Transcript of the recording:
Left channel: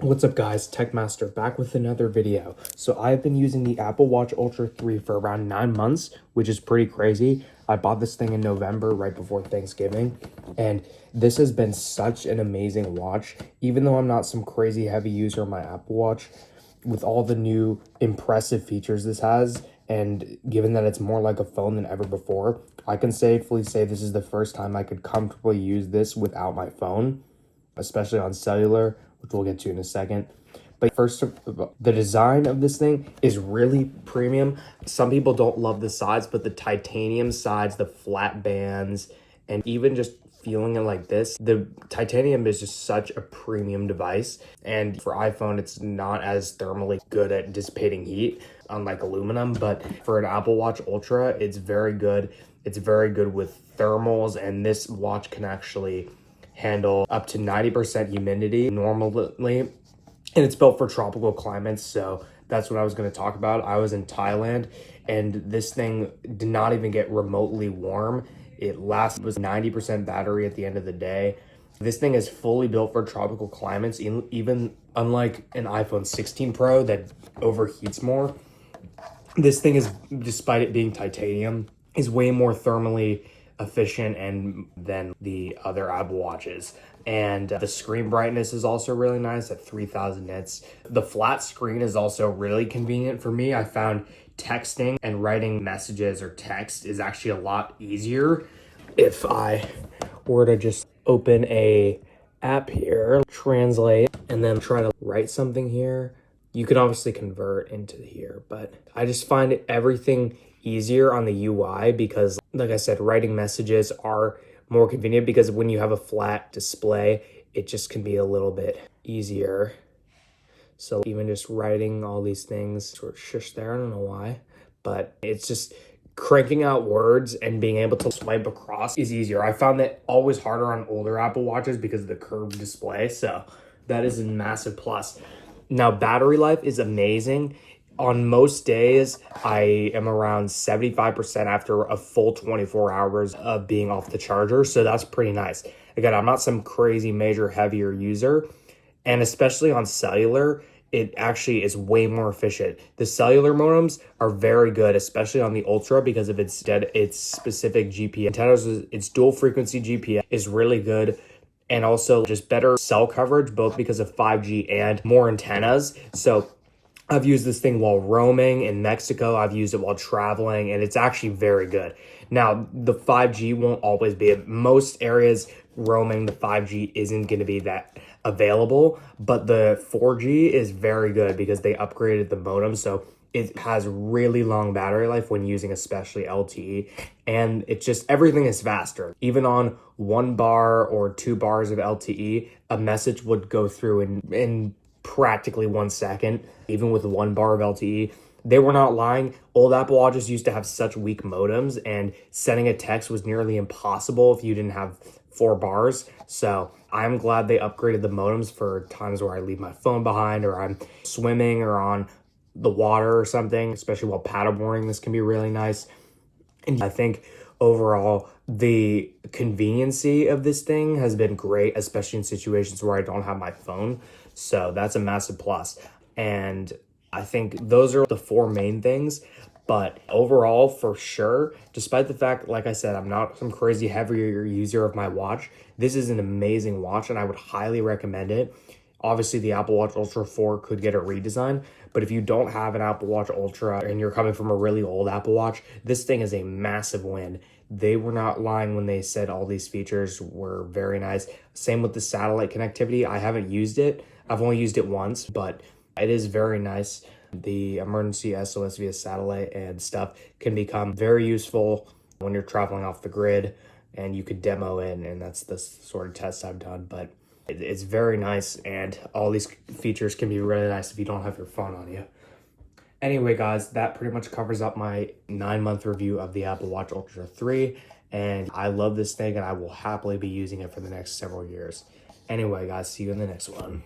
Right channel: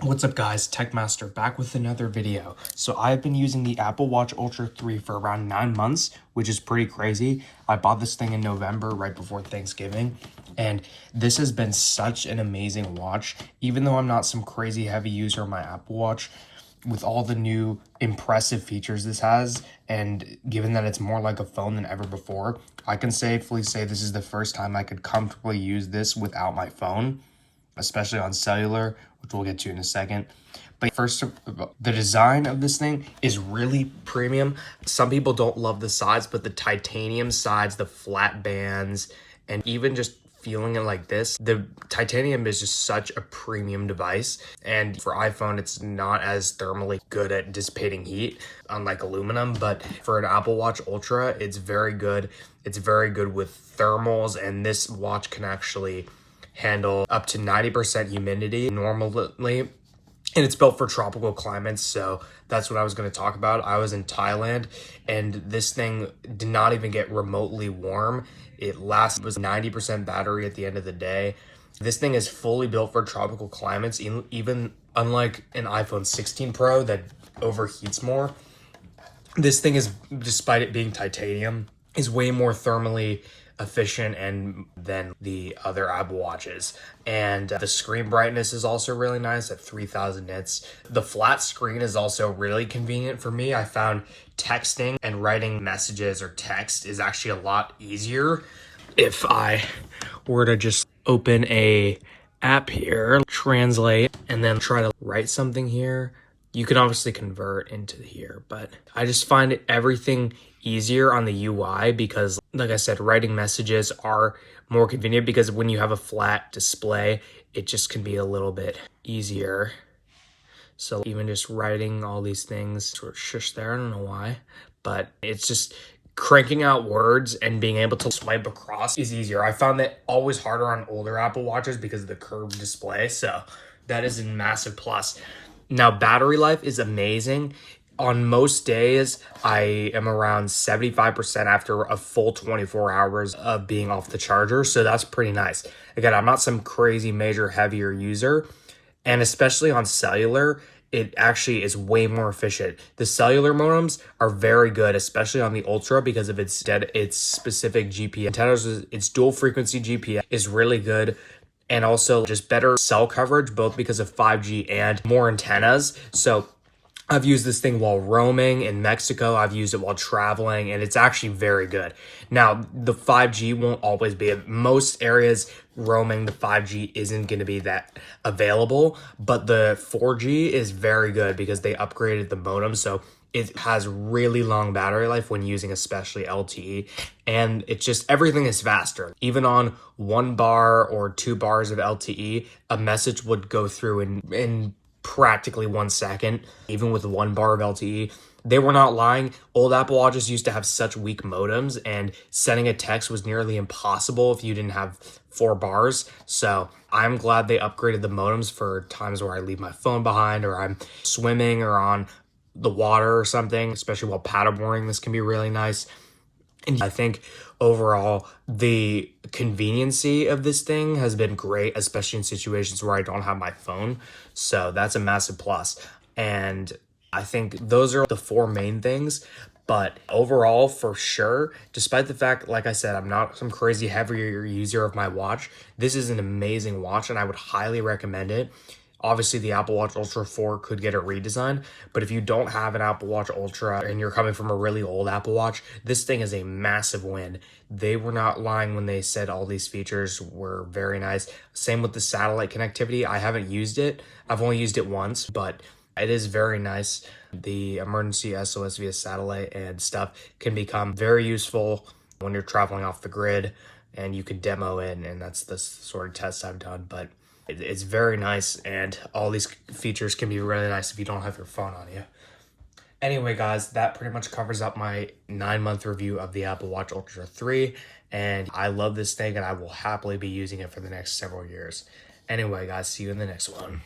What's up guys, Techmaster back with another video. So I've been using the Apple Watch Ultra 3 for around 9 months, which is pretty crazy. I bought this thing in November right before Thanksgiving, and this has been such an amazing watch. Even though I'm not some crazy heavy user of my Apple Watch, with all the new impressive features this has, and given that it's more like a phone than ever before, I can safely say this is the first time I could comfortably use this without my phone, especially on cellular, which we'll get to in a second. But first, the design of this thing is really premium. Some people don't love the sides, but the titanium sides, the flat bands, and even just feeling it like this, the titanium is just such a premium device. And for iPhone, it's not as thermally good at dissipating heat, unlike aluminum, but for an Apple Watch Ultra, it's very good. It's very good with thermals, and this watch can actually handle up to 90% humidity normally, and it's built for tropical climates. So that's what I was going to talk about. I was in Thailand, and this thing did not even get remotely warm. It was 90% battery at the end of the day. This thing is fully built for tropical climates, even unlike an iPhone 16 Pro that overheats more. This thing is, despite it being titanium, is way more thermally efficient than the other Apple Watches. And the screen brightness is also really nice at 3000 nits. The flat screen is also really convenient for me. I found texting and writing messages or text is actually a lot easier. If I were to just open a app here, translate, and then try to write something here, you can obviously convert into here, but I just find everything easier on the UI because, like I said, writing messages are more convenient because when you have a flat display, it just can be a little bit easier. So even just writing all these things, sort of shush there, I don't know why, but it's just cranking out words and being able to swipe across is easier. I found that always harder on older Apple Watches because of the curved display, so that is a massive plus. Now, battery life is amazing. On most days, I am around 75% after a full 24 hours of being off the charger, so that's pretty nice. Again, I'm not some crazy major heavier user, and especially on cellular, it actually is way more efficient. The cellular modems are very good, especially on the Ultra, because of its specific GPS antennas. Its dual frequency GPS is really good, and also just better cell coverage, both because of 5G and more antennas. So I've used this thing while roaming in Mexico. I've used it while traveling, and it's actually very good. Now, the 5G won't always be. Most areas roaming, the 5G isn't going to be that available, but the 4G is very good because they upgraded the modem, so it has really long battery life when using especially LTE, and it's just everything is faster. Even on 1 bar or 2 bars of LTE, a message would go through in practically 1 second, even with 1 bar of LTE. They were not lying. Old Apple Watches used to have such weak modems, and sending a text was nearly impossible if you didn't have 4 bars. So I'm glad they upgraded the modems for times where I leave my phone behind, or I'm swimming or on the water or something, especially while paddleboarding. This can be really nice. And I think overall, the conveniency of this thing has been great, especially in situations where I don't have my phone. So that's a massive plus. And I think those are the 4 main things. But overall, for sure, despite the fact, like I said, I'm not some crazy heavier user of my watch, this is an amazing watch, and I would highly recommend it. Obviously, the Apple Watch Ultra 4 could get a redesign, but if you don't have an Apple Watch Ultra and you're coming from a really old Apple Watch, this thing is a massive win. They were not lying when they said all these features were very nice. Same with the satellite connectivity. I haven't used it. I've only used it once, but it is very nice. The emergency SOS via satellite and stuff can become very useful when you're traveling off the grid, and you could demo it, and that's the sort of test I've done. But it's very nice, and all these features can be really nice if you don't have your phone on you. Anyway, guys, that pretty much covers up my 9-month review of the Apple Watch Ultra 3, and I love this thing, and I will happily be using it for the next several years. Anyway, guys, see you in the next one.